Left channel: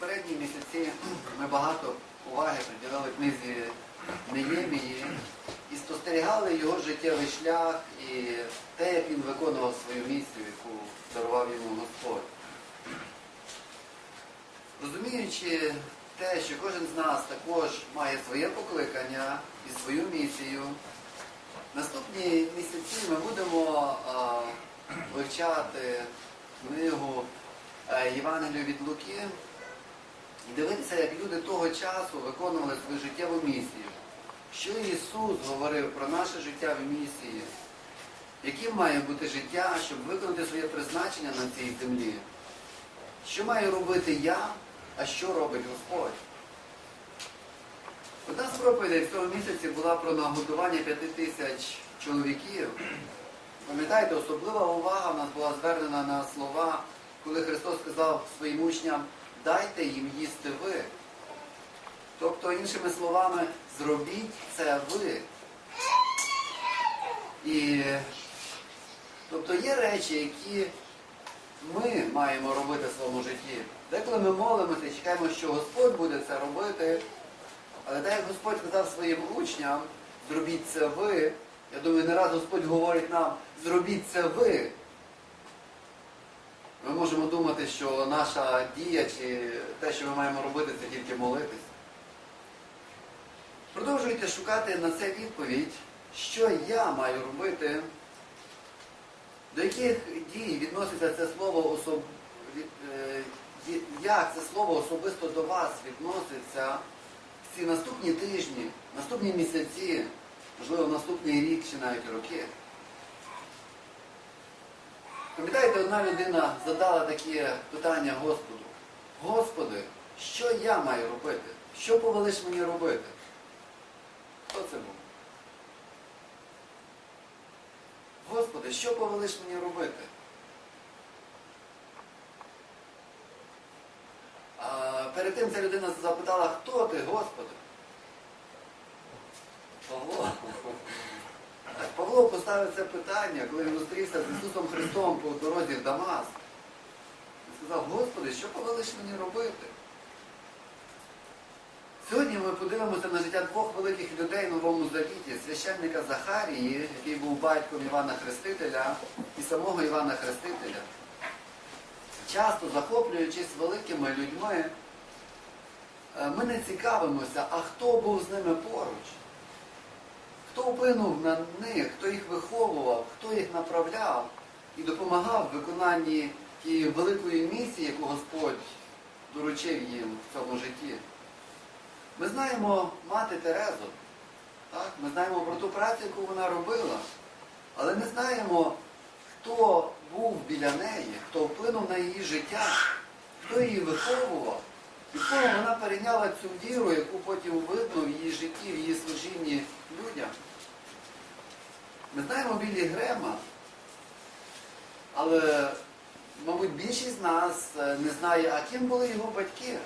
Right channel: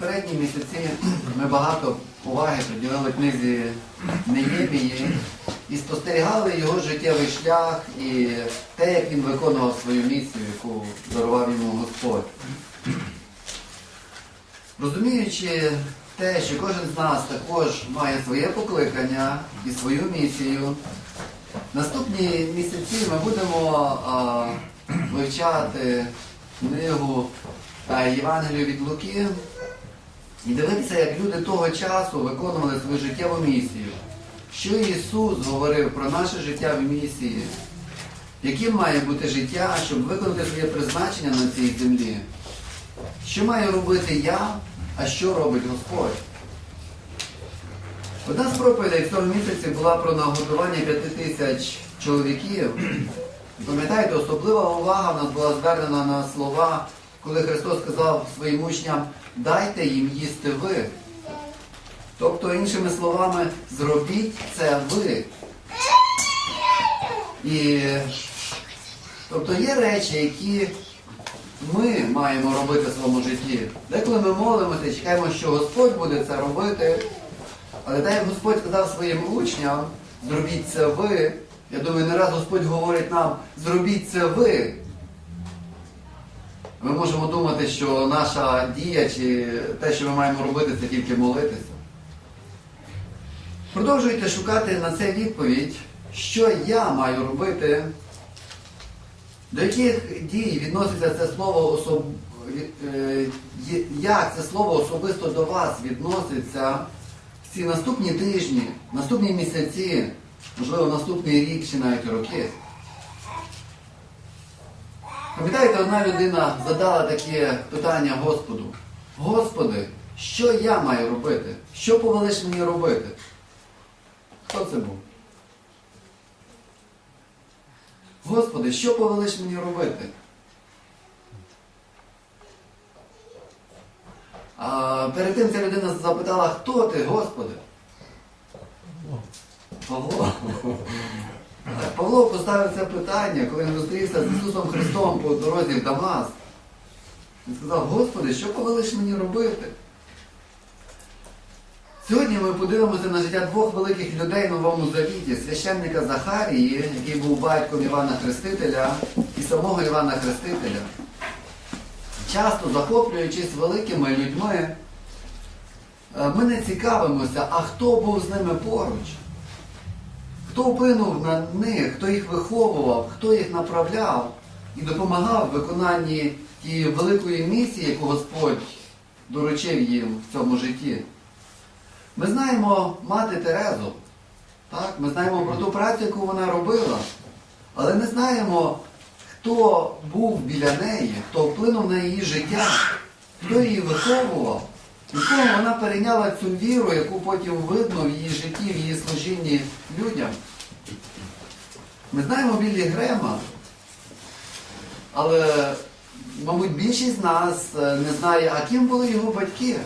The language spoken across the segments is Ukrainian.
попередні місяці ми багато уваги приділили книзі Неємії і спостерігали його життєвий шлях і те, як він виконував свою місію, яку дарував йому Господь. Розуміючи те, що кожен з нас також має своє покликання і свою місію, наступні місяці ми будемо а, вивчати книгу е, Євангелію від Луки і дивитися, як люди того часу виконували свою життєву місію. Що Ісус говорив про наше життя в місії, яким має бути життя, щоб виконати своє призначення на цій землі. Що маю робити я, а що робить Господь? Одна з проповідей в цьому місяці була про нагодування п'яти тисяч чоловіків. Пам'ятаєте, особлива увага в нас була звернена на слова, коли Христос сказав своїм учням, дайте їм їсти ви. Тобто, іншими словами, зробіть це ви. І тобто є речі, які ми маємо робити в своєму житті. Деколи ми молимося чекаємо, що Господь буде це робити. Але так як Господь сказав своїм учням, зробіть це ви. Я думаю, не раз Господь говорить нам, зробіть це ви. Ми можемо думати, що наша дія чи те, що ми маємо робити, це тільки молитися. Продовжуйте шукати на це відповідь, що я маю робити, до яких дій відноситься це слово особ... е, як це слово особисто до вас відноситься в ці наступні тижні, наступні місяці, можливо, наступний рік чи навіть роки. Пам'ятаєте, одна людина задала таке питання Господу. Господи, що я маю робити? Що повелиш мені робити? Хто це був? Господи, що повелиш мені робити? А перед тим ця людина запитала, хто ти, Господи? Павло. Павло поставив це питання, коли він зустрівся з Ісусом Христом по дорозі в Дамаск. Він сказав, Господи, що повелиш мені робити? Сьогодні ми подивимося на життя двох великих людей в Новому Завіті, священника Захарії, який був батьком Івана Хрестителя, і самого Івана Хрестителя. Часто захоплюючись великими людьми, е, ми не цікавимося, а хто був з ними поруч. Хто вплинув на них, хто їх виховував, хто їх направляв і допомагав в виконанні тієї великої місії, яку Господь доручив їм в цьому житті. Ми знаємо мати Терезу, так? ми знаємо про ту працю, яку вона робила, але не знаємо, хто був біля неї, хто вплинув на її життя, хто її виховував, від кого вона перейняла цю віру, яку потім видно в її житті, в її служінні людям. Ми знаємо Біллі Грема, але, мабуть, більшість з нас е, не знає, а ким були його батьки.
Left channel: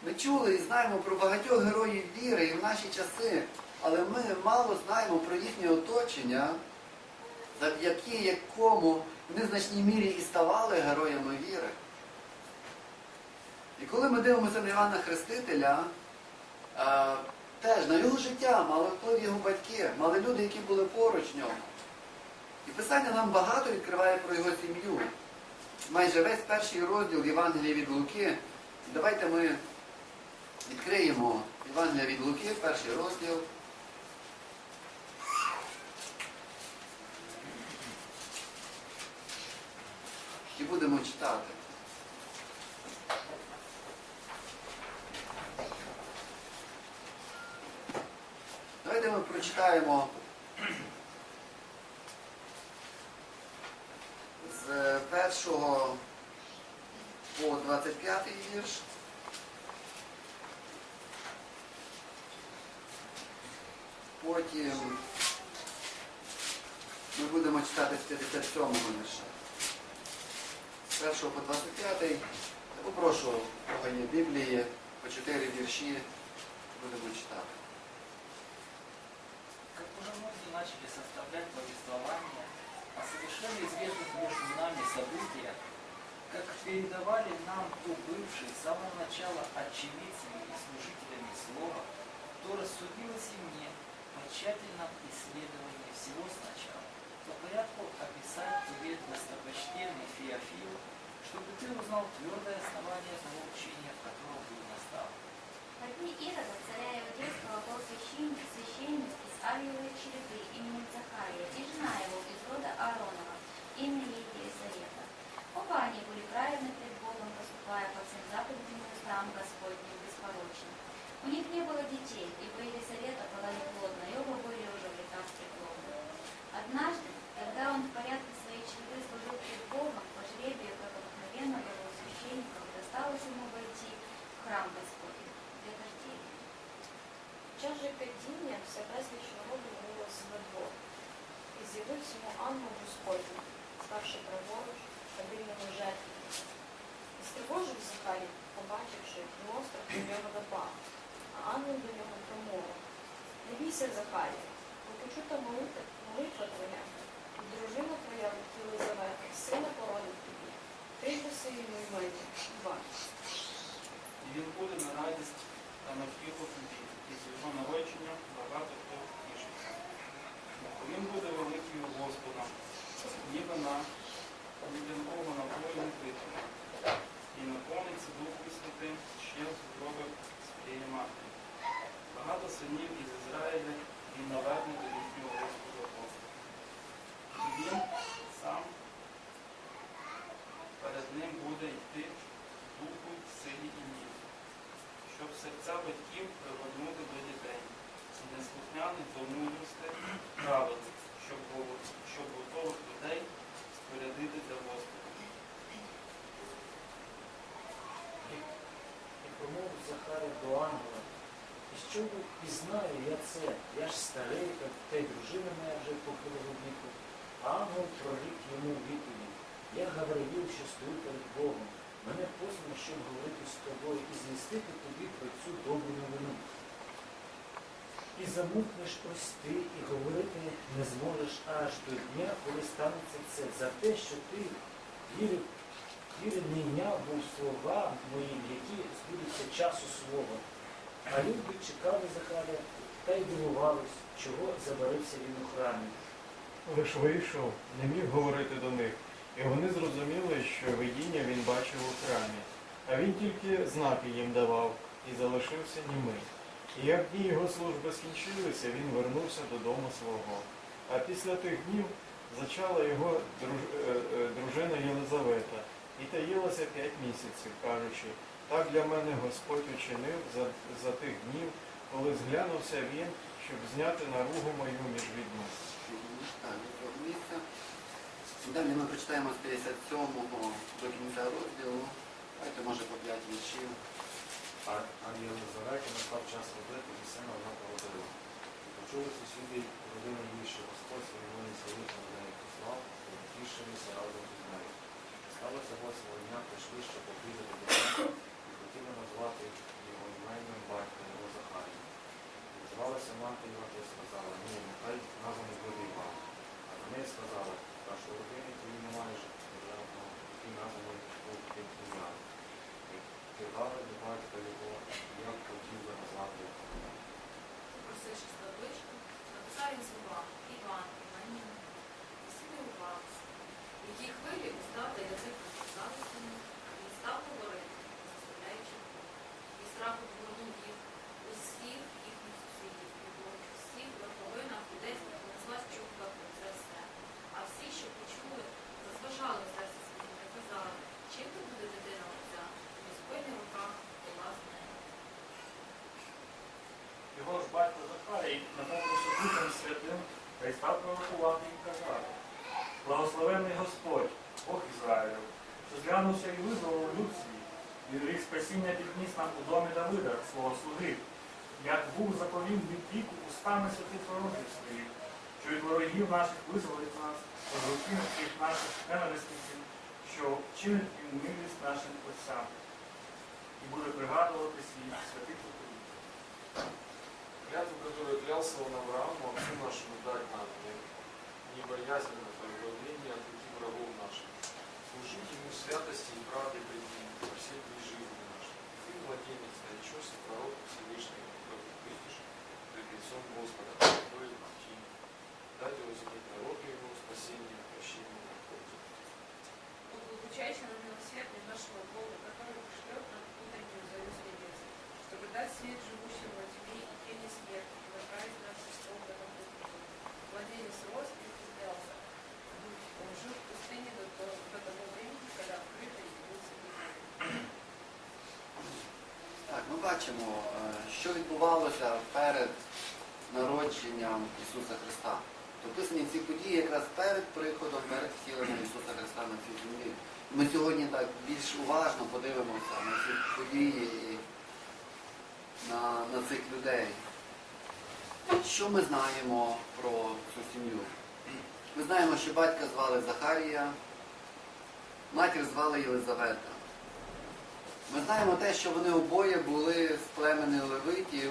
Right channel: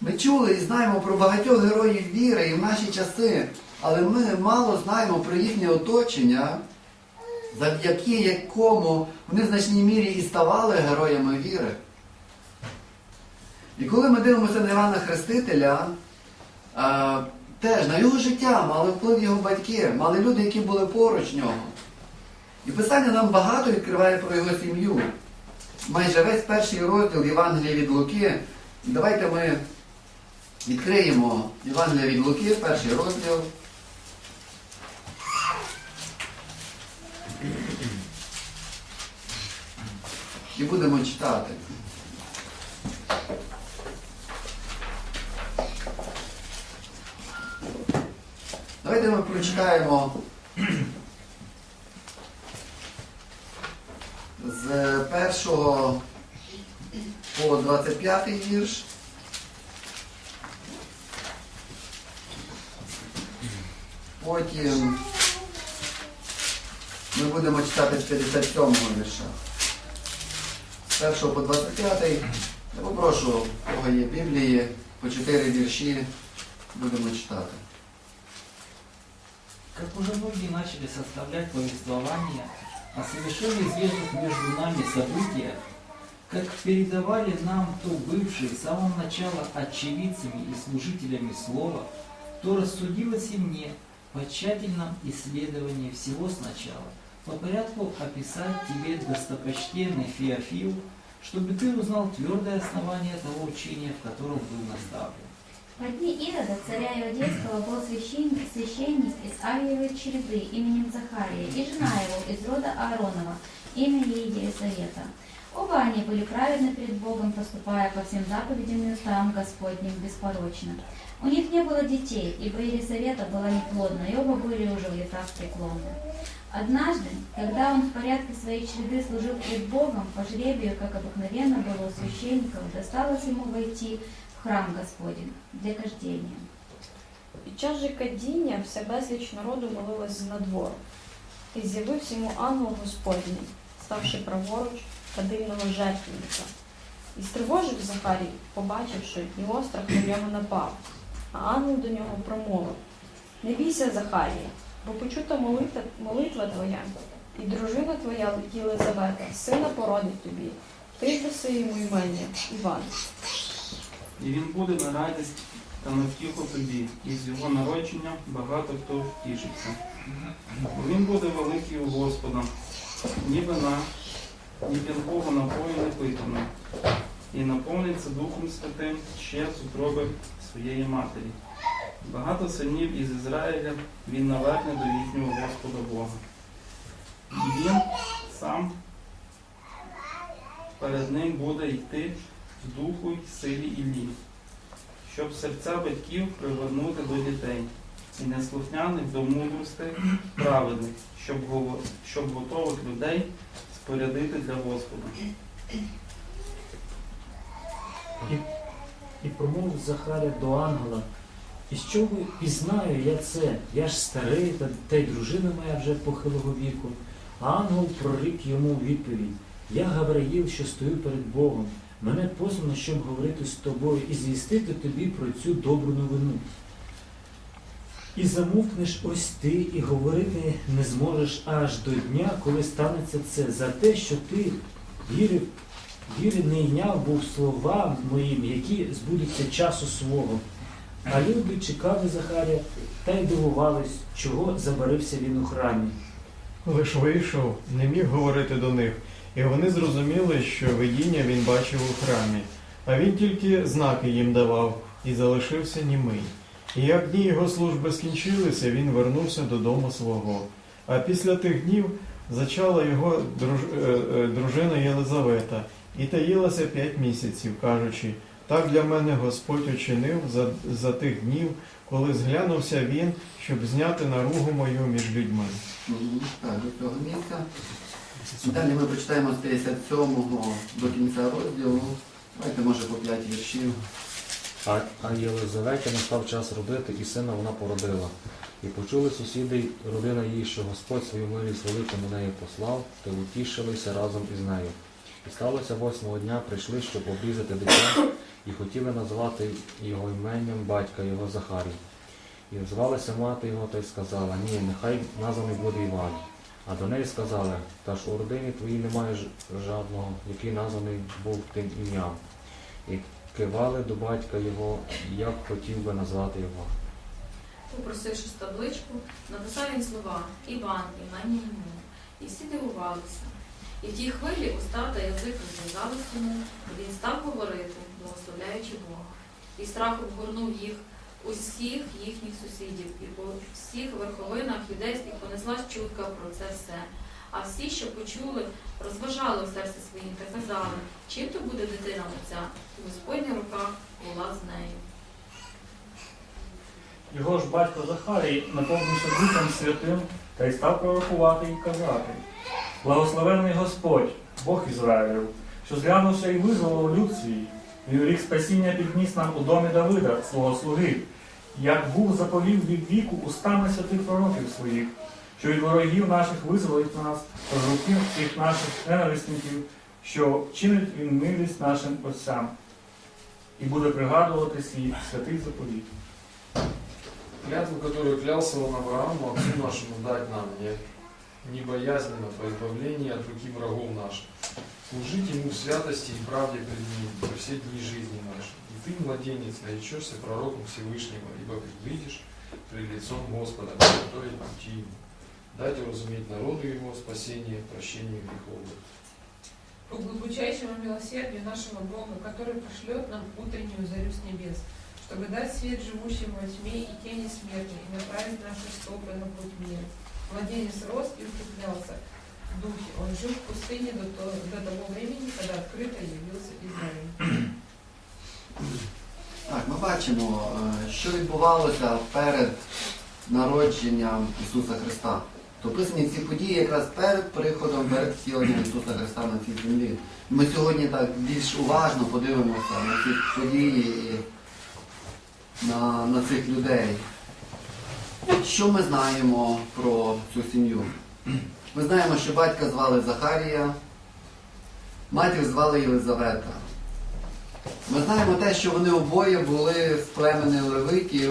Ми чули і знаємо про багатьох героїв віри і в наші часи, але ми мало знаємо про їхнє оточення, завдяки якому вони в значній мірі і ставали героями віри. І коли ми дивимося на Івана Хрестителя, е, теж на його життя мали вплив його батьки, мали люди, які були поруч нього. І Писання нам багато відкриває про його сім'ю. Майже весь перший розділ Євангелія від Луки. Давайте ми відкриємо Євангелія від Луки, перший розділ. І будемо читати. Давайте ми прочитаємо з першого по 25 вірш. Потім ми будемо читати з 57 вірша. З 1 по 25. Я попрошу, у кого є Біблії, по 4 вірші будемо читати. Как уже многие начали составлять повествование о совершенно известных между нами событиях, как передавали нам то бывшие с самого начала очевидцами и служителями слова, то рассудилось и мне по тщательном исследовании всего сначала, по порядку описать тебе достопочтенный Феофил, чтобы ты узнал твердое основание того учения, в котором был наставлен. В дни Ирода, царя Иудейского, был священник, священник из Авиевой череды именем Захария, и жена его из рода Ааронова, имя ей Елизавета. Оба они были праведны пред Богом, поступая по всем заповедям и уставам Господним беспорочно. У них не было детей, ибо Елизавета была неплодна, и оба были уже в летах преклонны. Однажды, когда он в порядке своей череды служил пред Богом, по жребию, как обыкновенно было у священников, досталось ему войти в храм Господень для кождения. Під час же кадіння вся безліч народу молилась знадвору. І з'явився йому ангел Господній, ставши праворуч кадильного жертвенника. І стривожив Захарій, побачивши, і острах на нього напав. А ангел до нього промовив: Не бійся, Захарія, бо почута молитва, молитва твоя, і дружина твоя Єлизавета, сина породить тобі. Ти даси йому імення Іван. І він буде на радість та на втіху тобі, і з його народження багато хто втішиться. Бо він буде великий у Господа, ні вина, ні п'янкого напою не питиме, і наповниться Духом Святим ще з утроби своєї матері. Багато синів із Ізраїля він наверне до їхнього Господа Бога. І він сам перед ним буде йти духу й силі Іллі, щоб серця батьків привернути до дітей, і неслухняних до мудрости праведних, щоб, щоб готових людей спорядити для Господа. І промовив Захаря до ангела, і що ви пізнаю я це? Я ж старий, та, та й дружина моя вже похилого віку. А ангел прорік йому відповідь. Я Гавраїл, що стою перед Богом. Мене послано, щоб говорити з тобою і звістити тобі про цю добру новину. І замовкнеш ось ти, і говорити не зможеш аж до дня, коли станеться це, за те, що ти вірив Віри не йняв був слова моїм, які збудуться часу свого. А люди чекали Захаря та й дивувались, чого забарився він у храмі. Лиш вийшов, не міг говорити до них, і вони зрозуміли, що видіння він бачив у храмі, а він тільки знаки їм давав і залишився німий. І як дні його служби скінчилися, він вернувся додому свого. А після тих днів зачала його друж- е, е, дружина Єлизавета і таїлася п'ять місяців, кажучи, так для мене Господь учинив за, за тих днів, коли зглянувся він, щоб зняти наругу мою між людьми. Далі ми прочитаємо з 57 до кінця розділу. Давайте, може, по 5 віршів. А, а Єлизаветі настав час родити, і сина вона породила. І почули сусіди родина її, що Господь свою милість велику неї послав, то утішилися разом із нею. І сталося восьмого дня, прийшли, щоб обрізати дитя, і хотіли назвати його іменем батька його Захарій. І звалася мати його та й сказала, ні, нехай названий буде Іван. А до неї сказали, та ж у родині твоїй немає жадного, який названий був тим ім'ям. І кивали до батька його, як хотів би назвати його. Попросивши табличку, написав він слова Іван, імені йому. І всі дивувалися. І в тій хвилі уста та язик розв'язались йому, а він став говорити, благословляючи Бога. І страх обгорнув їх, усіх їхніх сусідів, і по всіх верховинах юдейських понеслась чутка про це все. А всі, що почули, розважали у серці своїм та казали, чим то буде дитина оця, і Господня рука була з нею. Його ж батько Захарій наповнився Духом Святим та й став пророкувати і казати. Благословений Господь, Бог Ізраїлю, що зглянувся і визволив люд свій, і у рік спасіння підніс нам у домі Давида, свого слуги, як був заповів від віку устами святих пророків своїх, що від ворогів наших визволить нас, руки всіх наших ненависників, що чинить він милість нашим отцям, і буде пригадувати свій святий заповіт. Клятву, которую клялся он Аврааму, отцу нашему дать нам, не, боязненно по избавлению от руки врагов наших. служить Ему в святости и правде пред Ним во все дни жизни нашей. Ты, младенец, наречешься пророком Всевышнего, ибо предвидишь пред лицом Господа, который пути ему. Дать разуметь народу Его спасение, прощение грехов. по глубочайшему милосердию нашего Бога, который пошлет нам утреннюю зарю с небес, чтобы дать свет живущим во тьме и тени смерти, и направить наши стопы на путь мира. Младенец рос и укреплялся в духе. Он жил в пустыне до того времени, когда открыто явился Израиль. Так, ми бачимо, е, що відбувалося перед народженням Ісуса Христа. То описані ці події якраз перед приходом, перед втіленням Ісуса Христа на цій землі. Ми сьогодні так більш уважно подивимося на ці події і на, на цих людей. Що ми знаємо про цю сім'ю? Ми знаємо, що батька звали Захарія, матір звали Єлизавета. Ми знаємо те, що вони обоє були з племени Левитів,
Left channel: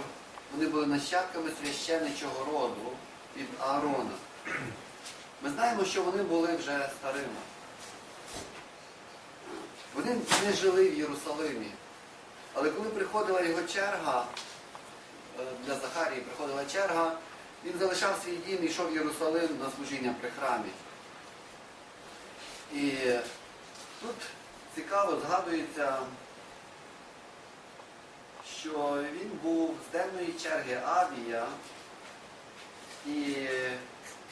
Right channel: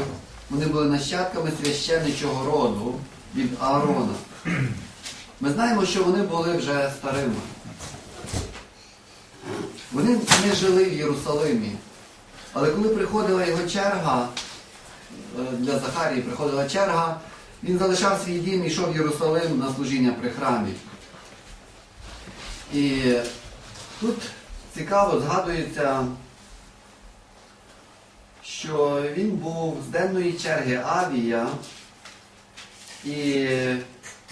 вони були нащадками священничого роду від Аарона. Ми знаємо, що вони були вже старими. Вони не жили в Єрусалимі. Але коли приходила його черга, е, для Захарії приходила черга, він залишав свій дім і йшов в Єрусалим на служіння при храмі. І тут цікаво згадується що він був з денної черги Авія, і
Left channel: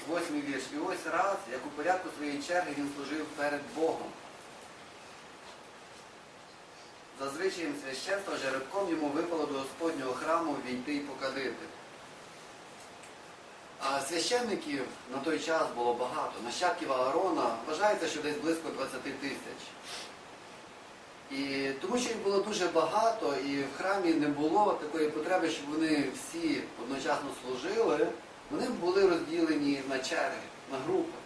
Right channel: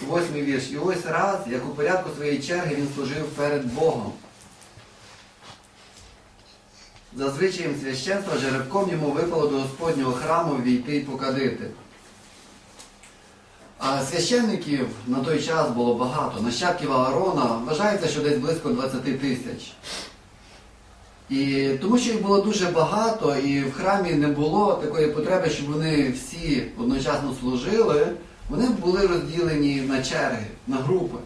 восьмий вірш. І ось раз, як у порядку своєї черги, він служив перед Богом. За священства жеребком йому випало до Господнього храму війти і покадити. А священників на той час було багато. Нащадків Аарона вважається, що десь близько 20 тисяч. І тому що їх було дуже багато, і в храмі не було такої потреби, щоб вони всі одночасно служили, вони були розділені на черги, на групи.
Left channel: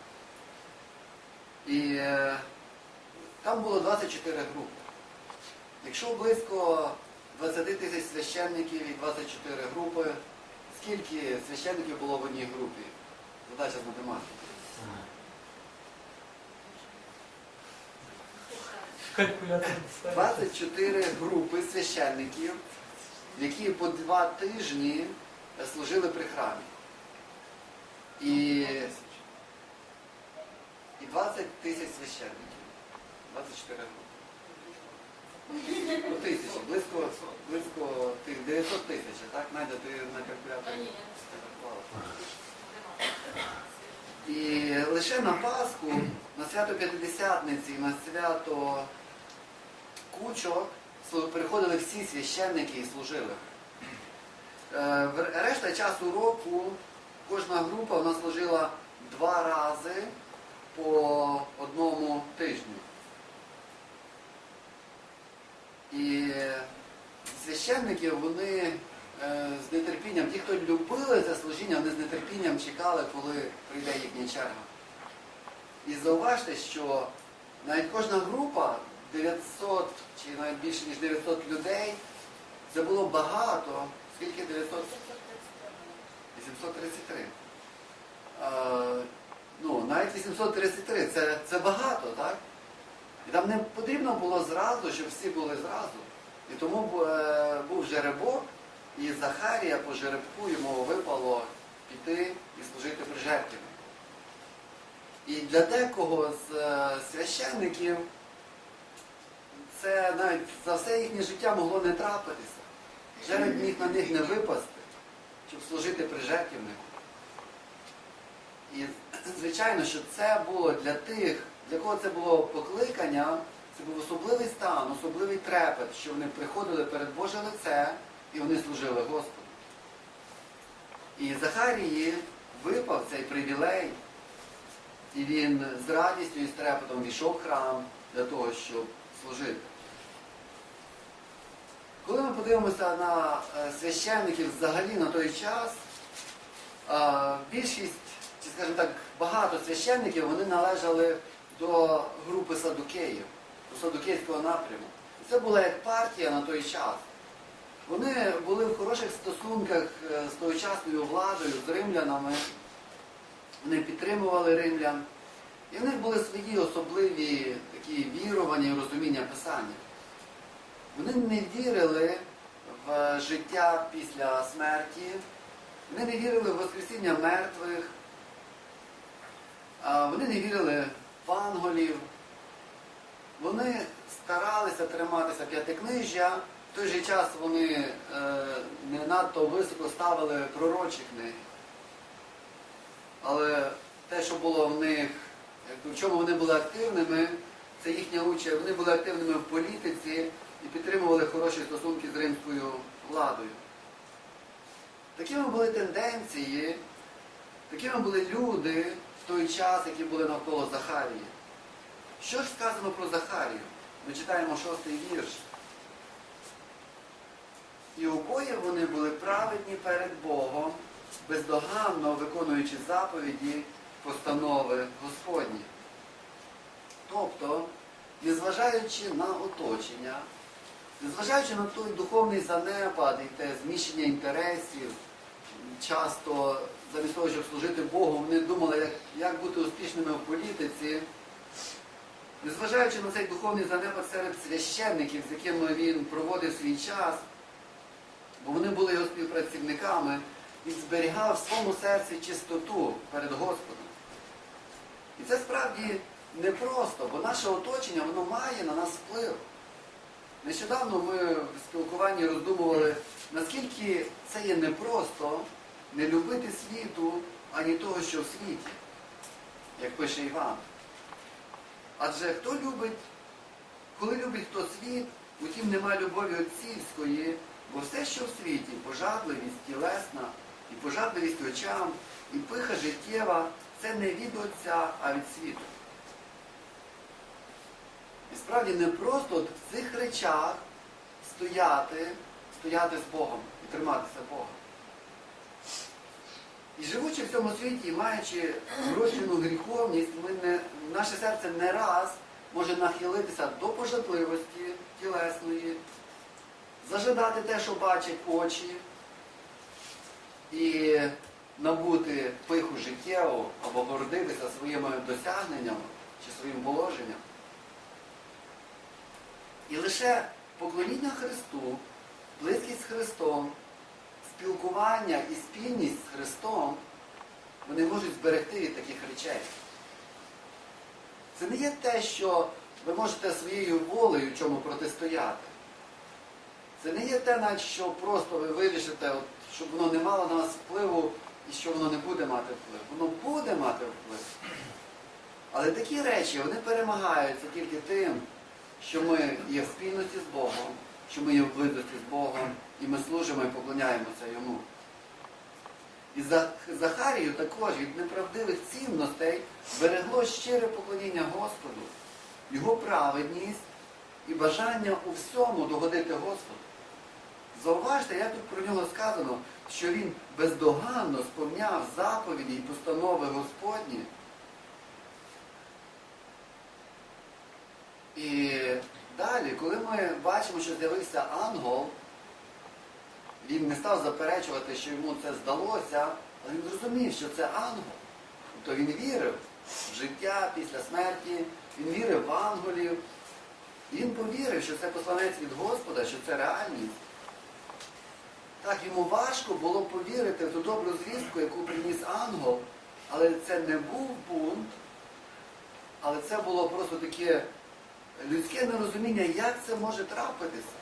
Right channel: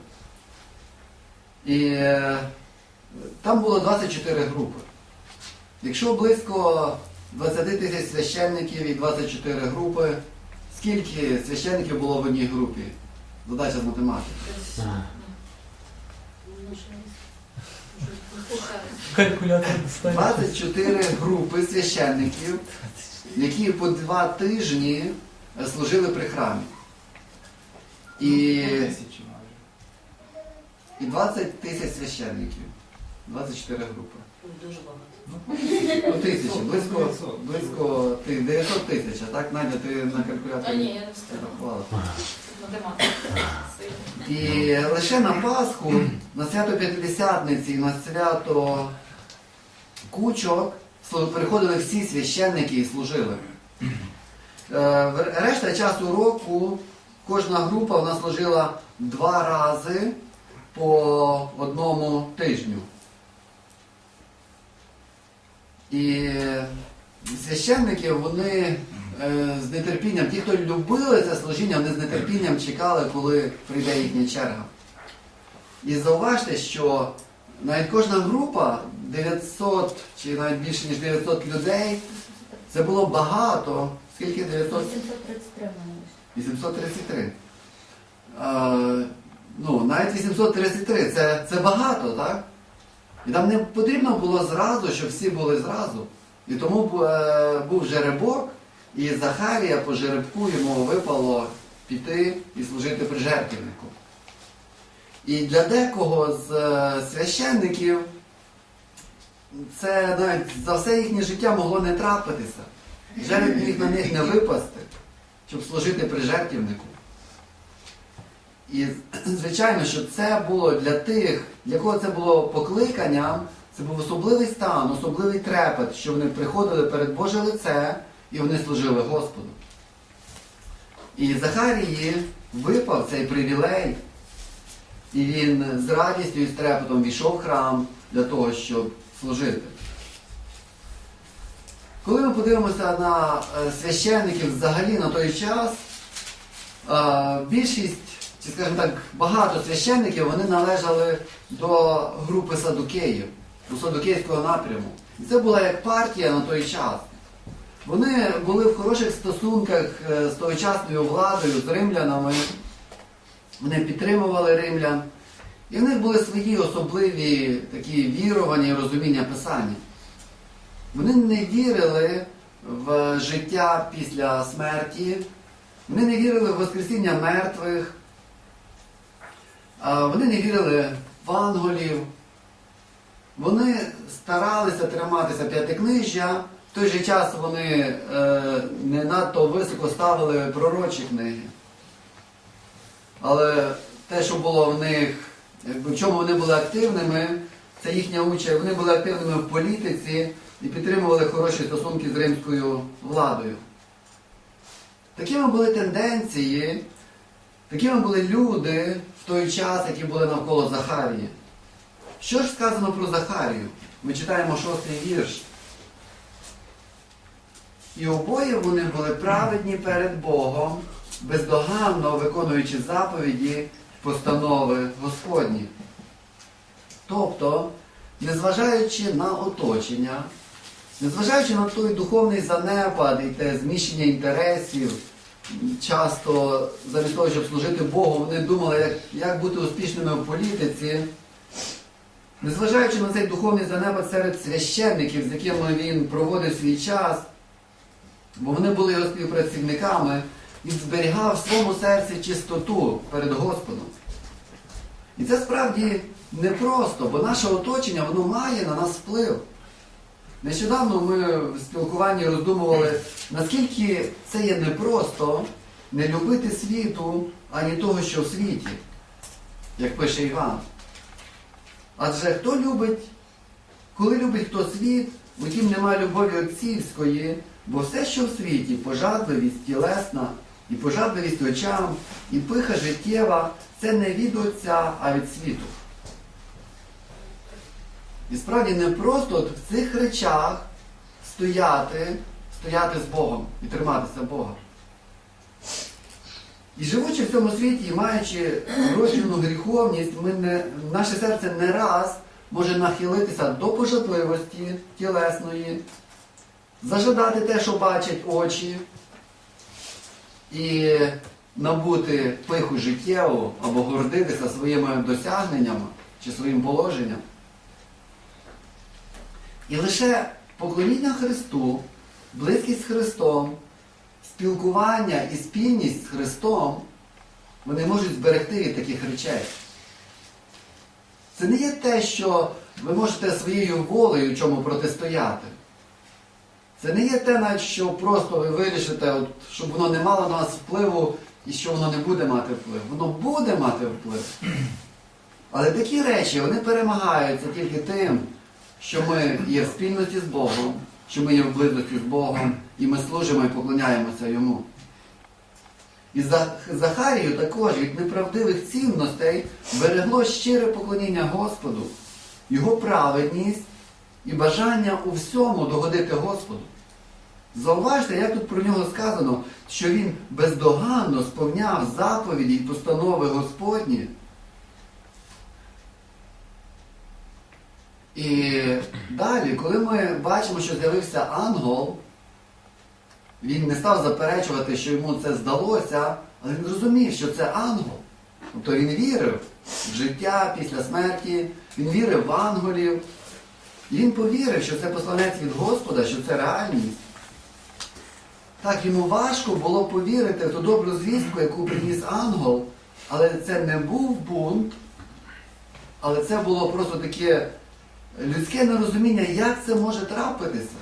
І е, там було 24 групи. Якщо близько 20 тисяч священників і 24 групи, скільки священників було в одній групі? Задача з математики. 24 групи священників, які по два тижні служили при храмі. І, і 20 тисяч священників. 24 групи. Ну, тисячі, близько, близько ти- 900 тисяч, а так, Надя, ти на калькуляторі рахувала. І лише на Пасху, на свято П'ятидесятниці, на свято Кучок приходили всі священники і служили. Е, Решта часу року кожна група вона служила два рази по одному тижню. І священники, вони е, з нетерпінням, ті, хто любили це служіння, вони з нетерпінням чекали, коли прийде їхня черга. І зауважте, що навіть кожна група, 900 чи навіть більше ніж 900 людей, це було багато. Скільки 900? 833 вони. 833. Е, ну, навіть 833 це, це багато, так? І нам не потрібно було зразу, щоб всі були зразу. І тому е, був жеребок, і Захарія по жеребку йому випало піти і служити при жертвеннику. І для декого з е, священників це навіть за все їхнє життя могло не трапитися. Жереб міг на них не випасти, щоб служити при жертвеннику. І звичайно, що це було для тих, для кого це було покликанням, це був особливий стан, особливий трепет, що вони приходили перед Боже лице і вони служили Господу. І Захарії випав цей привілей, і він з радістю і з трепетом війшов в храм для того, щоб служити. Коли ми подивимося на е, священників взагалі на той час, е, більшість, чи скажімо так, багато священників вони належали до групи садукеїв, до садукейського напряму. І це була як партія на той час. Вони були в хороших стосунках е, з тогочасною владою, з римлянами. Вони підтримували римлян. І в них були свої особливі такі вірування і розуміння Писання. Вони не вірили в життя після смерті, вони не вірили в Воскресіння мертвих, вони не вірили в анголів. Вони старалися триматися п'ятикнижжя, в той же час вони е, не надто високо ставили пророчі книги. Але те, що було в них, в чому вони були активними, це їхня участь. Вони були активними в політиці і підтримували хороші стосунки з римською владою. Такими були тенденції, такими були люди в той час, які були навколо Захарії. Що ж сказано про Захарію? Ми читаємо шостий вірш. І обоє вони були праведні перед Богом, бездоганно виконуючи заповіді постанови Господні. Тобто, незважаючи на оточення, незважаючи на той духовний занепад і те зміщення інтересів, часто замість того, щоб служити Богу, вони думали, як, як бути успішними в політиці. Незважаючи на цей духовний занепад серед священників, з якими він проводив свій час, бо вони були його співпрацівниками, він зберігав в своєму серці чистоту перед Господом. І це справді непросто, бо наше оточення воно має на нас вплив. Нещодавно ми в спілкуванні роздумували, наскільки це є непросто не любити світу, ані того, що в світі, як пише Іван. Адже хто любить, коли любить хто світ, утім немає любові отцівської, бо все, що в світі, пожадливість тілесна, і пожадливість очам, і пиха життєва, це не від Отця, а від світу. І справді не просто от в цих речах стояти, стояти з Богом і триматися Бога. І живучи в цьому світі, і маючи вроджену гріховність, ми не, наше серце не раз може нахилитися до пожадливості тілесної, зажадати те, що бачать очі, і набути пиху життєву або гордитися своїми досягненнями чи своїм положенням. І лише поклоніння Христу, близькість з Христом, спілкування і спільність з Христом, вони можуть зберегти від таких речей. Це не є те, що ви можете своєю волею чому протистояти. Це не є те, на що просто ви вирішите, от, щоб воно не мало на вас впливу і що воно не буде мати вплив. Воно буде мати вплив. Але такі речі, вони перемагаються тільки тим, що ми є в спільності з Богом, що ми є в близькості з Богом, і ми служимо і поклоняємося Йому. І За- Захарію також від неправдивих цінностей берегло щире поклоніння Господу, його праведність і бажання у всьому догодити Господу. Зауважте, як тут про нього сказано, що він бездоганно сповняв заповіді і постанови Господні. І далі, коли ми бачимо, що з'явився ангел, він не став заперечувати, що йому це здалося, але він зрозумів, що це ангел. Тобто він вірив в життя після смерті, він вірив в ангелів. Він повірив, що це посланець від Господа, що це реальність. Так, йому важко було повірити в ту добру звістку, яку приніс ангел, але це не був бунт, але це було просто таке людське нерозуміння, як це може трапитися.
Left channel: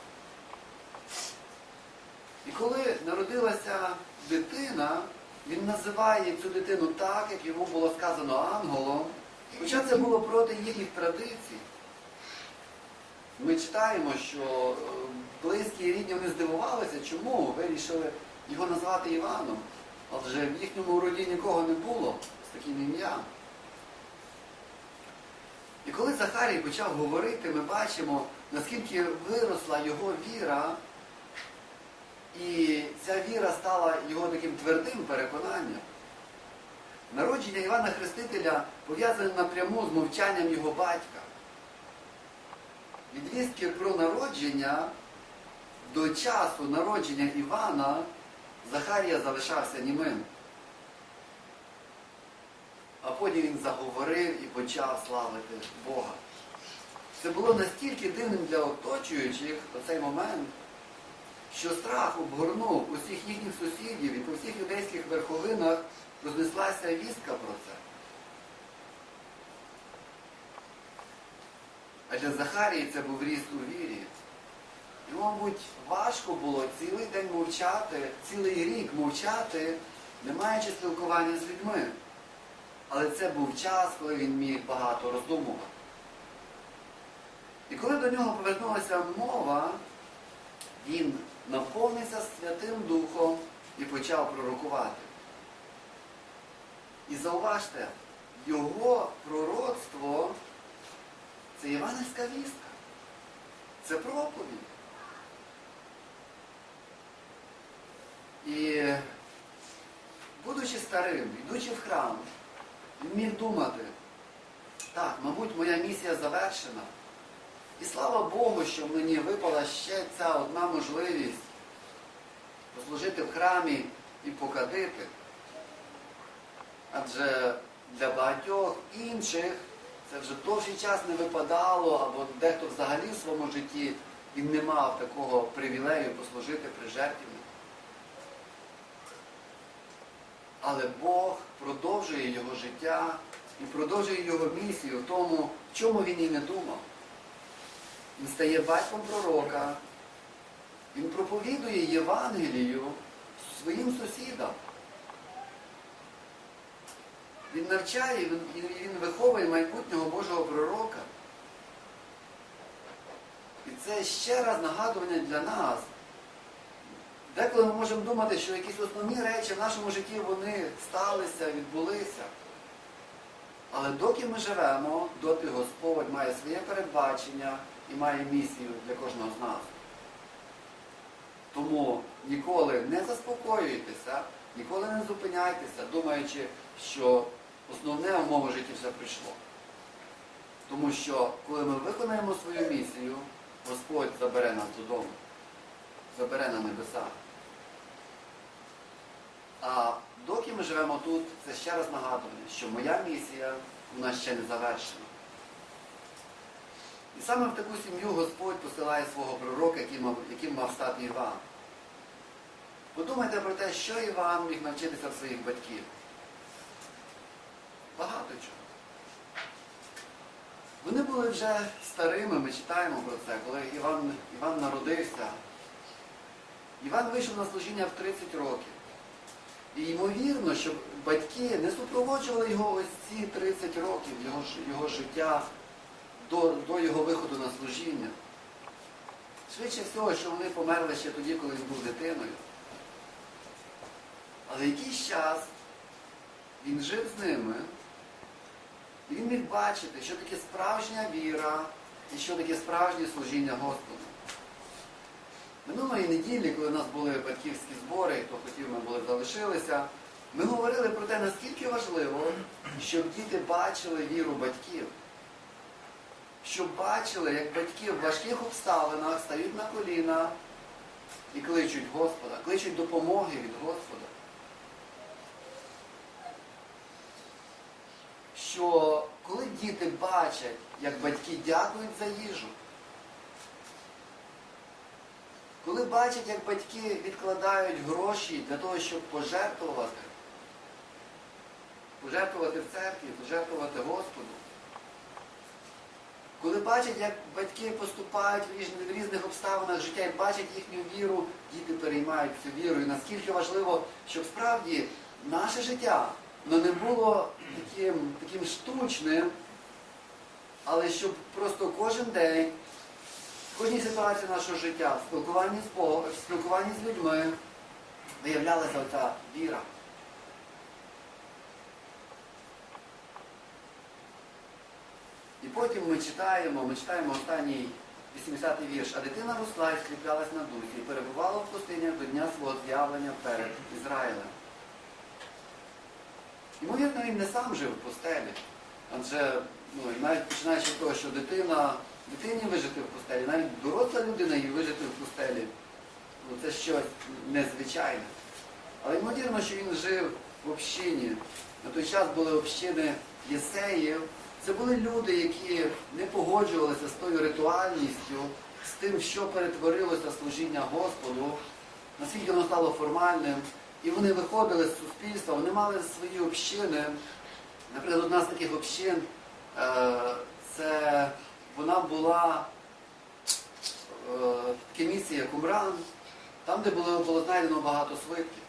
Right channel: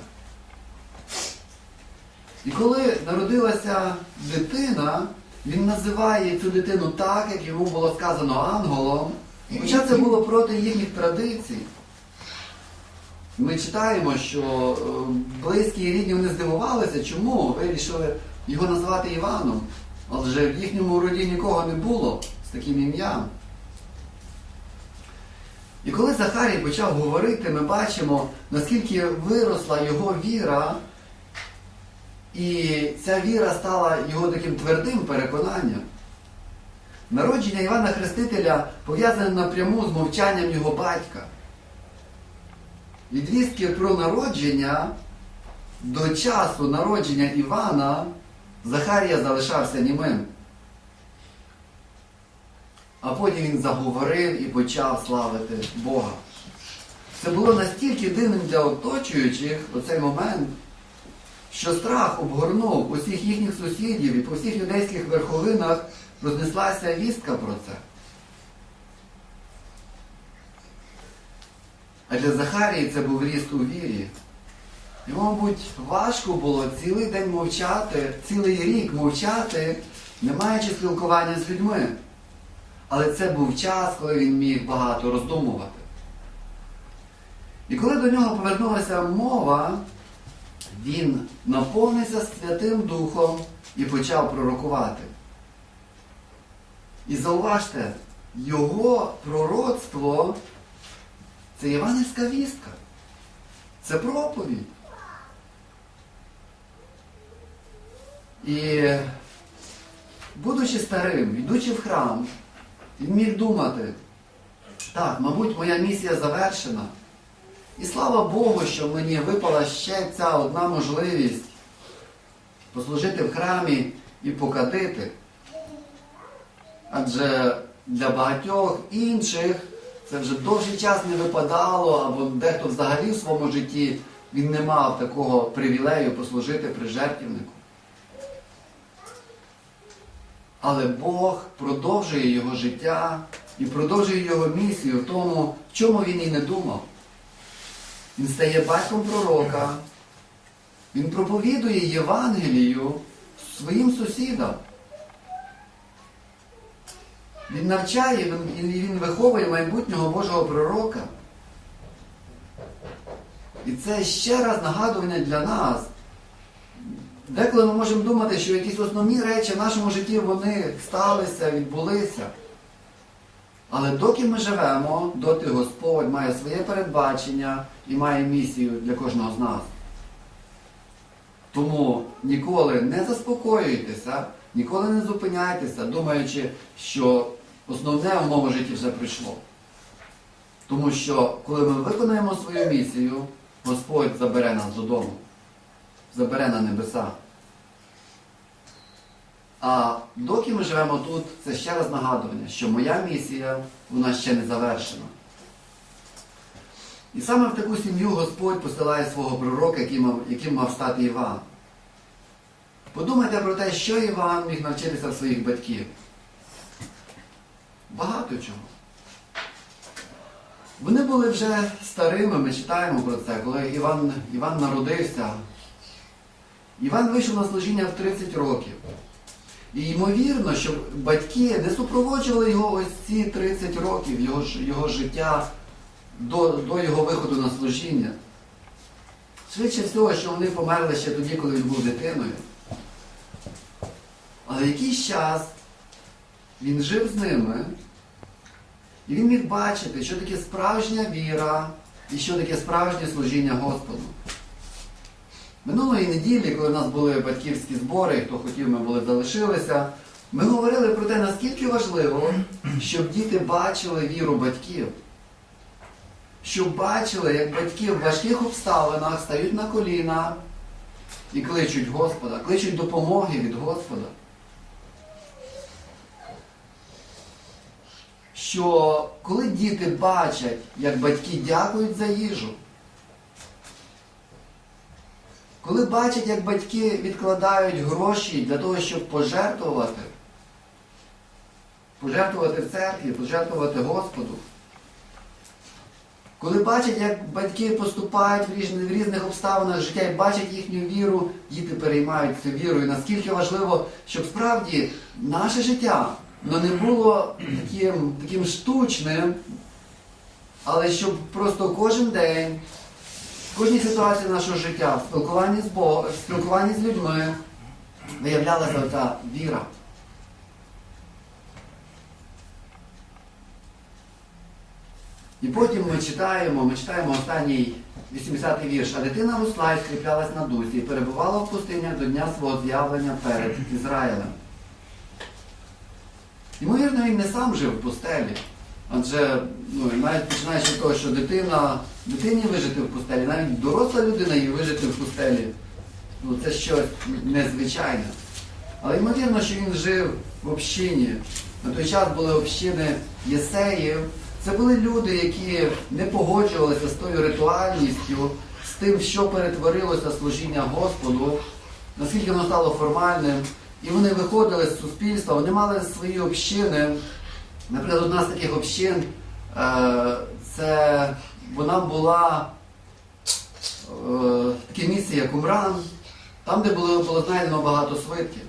І коли народилася дитина, він називає цю дитину так, як йому було сказано ангелом, хоча це було проти їхніх традицій. Ми читаємо, що е, близькі і рідні вони здивувалися, чому вирішили його назвати Іваном. Адже в їхньому роді нікого не було з таким ім'ям. І коли Захарій почав говорити, ми бачимо, наскільки виросла його віра, і ця віра стала його таким твердим переконанням. Народження Івана Хрестителя пов'язане напряму з мовчанням його батька. Від вістки про народження до часу народження Івана Захарія залишався німим. а потім він заговорив і почав славити Бога. Це було настільки дивним для оточуючих у цей момент, що страх обгорнув усіх їхніх сусідів і по всіх юдейських верховинах рознеслася вістка про це. А для Захарії це був ріст у вірі. Йому, мабуть, важко було цілий день мовчати, цілий рік мовчати, не маючи спілкування з людьми. Але це був час, коли він міг багато роздумувати. І коли до нього повернулася мова, він наповнився Святим Духом і почав пророкувати. І зауважте, його пророцтво це євангельська вістка. Це проповідь. І будучи старим, йдучи в храм, він міг думати, так, мабуть, моя місія завершена. І слава Богу, що мені випала ще ця одна можливість послужити в храмі і покатити. Адже для багатьох інших це вже довший час не випадало, або дехто взагалі в своєму житті він не мав такого привілею послужити при жертвівнику. Але Бог продовжує його життя і продовжує його місію в тому, в чому він і не думав. Він стає батьком пророка, він проповідує Євангелію своїм сусідам. Він навчає він- він виховує майбутнього Божого пророка. І це ще раз нагадування для нас. Деколи ми можемо думати, що якісь основні речі в нашому житті вони сталися, відбулися. Але доки ми живемо, доти Господь має своє передбачення і має місію для кожного з нас. Тому ніколи не заспокоюйтеся, ніколи не зупиняйтеся, думаючи, що основне в моєму житті вже прийшло. Тому що коли ми виконаємо свою місію, Господь забере нас додому, забере на небеса. А доки ми живемо тут, це ще раз нагадування, що моя місія вона ще не завершена. І саме в таку сім'ю Господь посилає свого пророка, яким мав, яким мав стати Іван. Подумайте про те, що Іван міг навчитися в своїх батьків. Багато чого. Вони були вже старими, ми читаємо про це, коли Іван, Іван народився. Іван вийшов на служіння в 30 років. І ймовірно, що батьки не супроводжували його ось ці 30 років, його, його життя до, до його виходу на служіння. Швидше всього, що вони померли ще тоді, коли він був дитиною. Але якийсь час він жив з ними, і він міг бачити, що таке справжня віра і що таке справжнє служіння Господу. Минулої неділі, коли в нас були батьківські збори, хто хотів, ми були залишилися, ми говорили про те, наскільки важливо, щоб діти бачили віру батьків. Щоб бачили, як батьки в важких обставинах стають на коліна і кличуть Господа, кличуть допомоги від Господа. Що коли діти бачать, як батьки дякують за їжу, коли бачать, як батьки відкладають гроші для того, щоб пожертвувати, пожертвувати церкві, пожертвувати Господу, коли бачать, як батьки поступають в різних, в різних обставинах життя і бачать їхню віру, діти переймають цю віру. І наскільки важливо, щоб справді наше життя воно не було таким, таким штучним, але щоб просто кожен день в кожній ситуації нашого життя, в спілкуванні з Богом, в спілкуванні з людьми виявлялася оця віра. І потім ми читаємо, ми читаємо останній 80-й вірш. А дитина росла і скріплялась на дусі і перебувала в пустинях до дня свого з'явлення перед Ізраїлем. Ймовірно, він не сам жив в пустелі. Адже ну, навіть починаючи від того, що дитина, дитині вижити в пустелі, навіть доросла людина її вижити в пустелі, ну, це щось незвичайне. Але ймовірно, що він жив в общині. На той час були общини єсеїв. Це були люди, які не погоджувалися з тою ритуальністю, з тим, що перетворилося служіння Господу, наскільки воно стало формальним. І вони виходили з суспільства, вони мали свої общини. Наприклад, одна з таких общин, е, це вона була е, таке місце, як Умран, там, де було, знайдено багато свитків.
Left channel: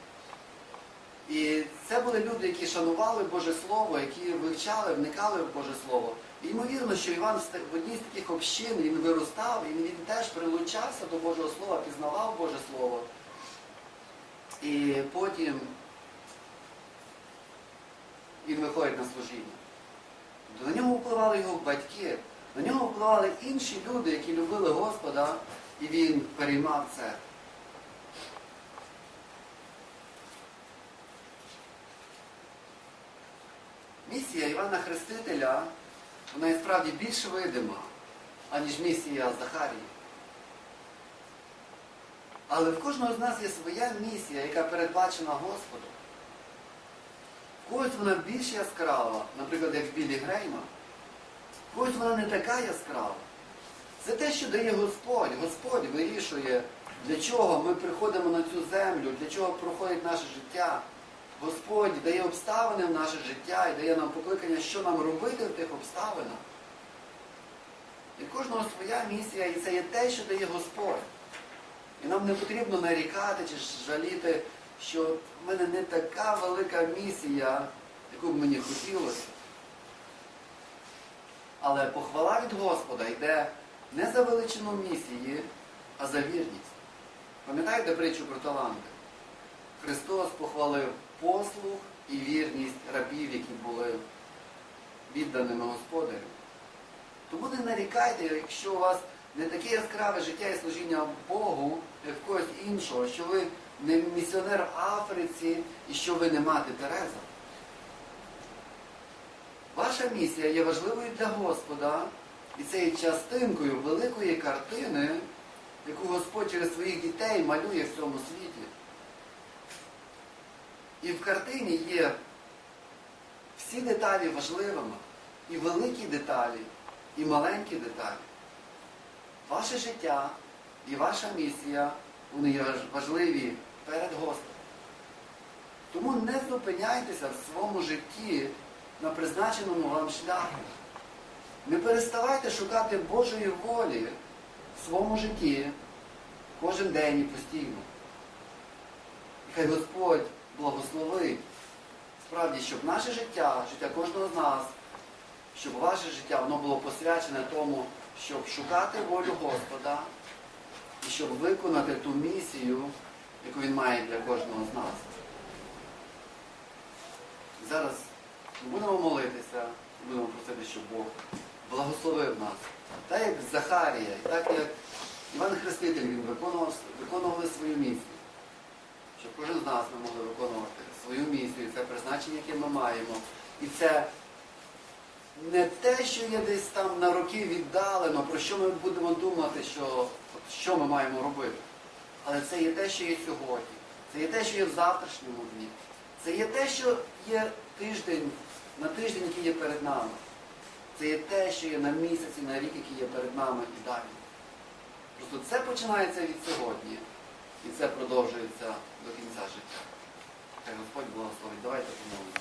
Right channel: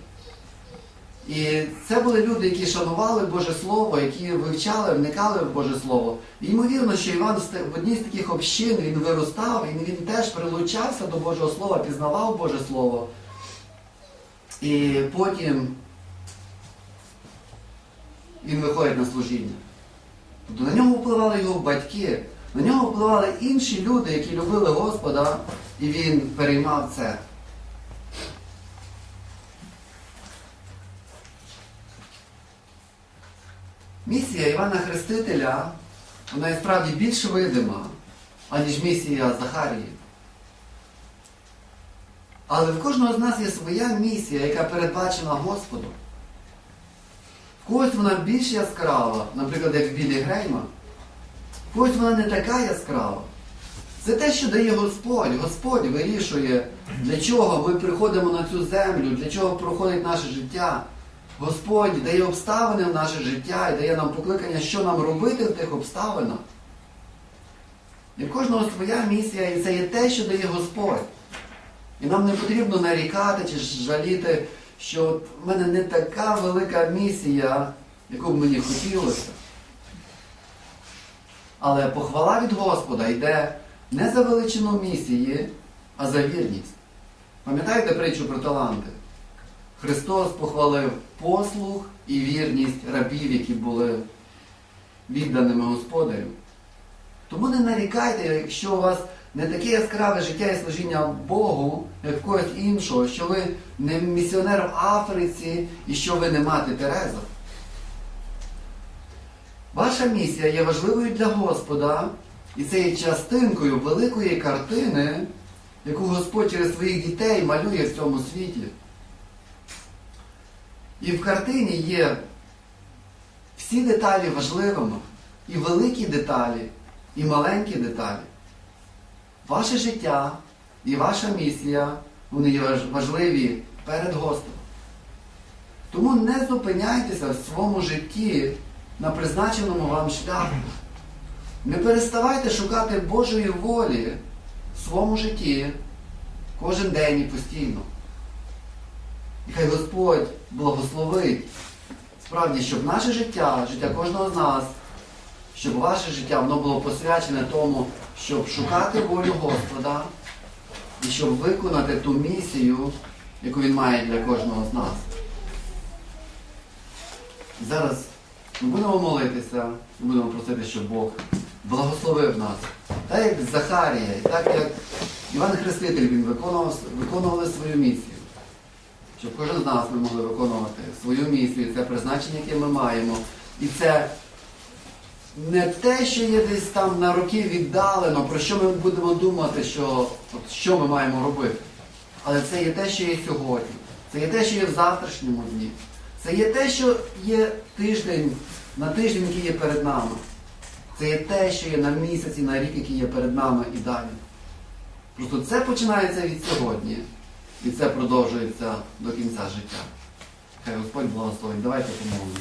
І це були люди, які шанували Боже Слово, які вивчали, вникали в Боже Слово. І ймовірно, що Іван в одній з таких общин він виростав, і він теж прилучався до Божого Слова, пізнавав Боже Слово. І потім він виходить на служіння. Тобто на нього впливали його батьки, на нього впливали інші люди, які любили Господа, і він переймав це. Місія Івана Хрестителя, вона і справді більш видима, аніж місія Захарії. Але в кожного з нас є своя місія, яка передбачена Господом. В когось вона більш яскрава, наприклад, як Білі Грейма. В когось вона не така яскрава. Це те, що дає Господь. Господь вирішує, для чого ми приходимо на цю землю, для чого проходить наше життя. Господь дає обставини в наше життя і дає нам покликання, що нам робити в тих обставинах. І в кожного своя місія, і це є те, що дає Господь. І нам не потрібно нарікати чи жаліти, що в мене не така велика місія, яку б мені хотілося. Але похвала від Господа йде не за величину місії, а за вірність. Пам'ятаєте притчу про таланти? Христос похвалив послух і вірність рабів, які були відданими Господарю. Тому не нарікайте, якщо у вас не таке яскраве життя і служіння Богу, як когось іншого, що ви не місіонер в Африці і що ви не мати Тереза. Ваша місія є важливою для Господа, і це є частинкою великої картини, яку Господь через своїх дітей малює в цьому світі. І в картині є всі деталі важливими, і великі деталі, і маленькі деталі. Ваше життя і ваша місія, вони є важливі перед Господом. Тому не зупиняйтеся в своєму житті на призначеному вам шляху. Не переставайте шукати Божої волі в своєму житті кожен день і постійно. І хай Господь благословить справді, щоб наше життя, життя кожного з нас, щоб ваше життя воно було посвячене тому, щоб шукати волю Господа і щоб виконати ту місію, яку Він має для кожного з нас. Зараз ми будемо молитися, ми будемо просити, щоб Бог благословив нас. Так як Захарія, і так як Іван Хреститель він виконував, виконували свою місію. Щоб кожен з нас ми могли виконувати свою місію, це призначення, яке ми маємо. І це не те, що є десь там на роки віддалено, про що ми будемо думати, що, от, що ми маємо робити. Але це є те, що є сьогодні. Це є те, що є в завтрашньому дні. Це є те, що є тиждень, на тиждень, який є перед нами. Це є те, що є на місяці, на рік, який є перед нами і далі. Просто це починається від сьогодні. І це продовжується до кінця життя. Хай Господь благословить. Давайте помолимося.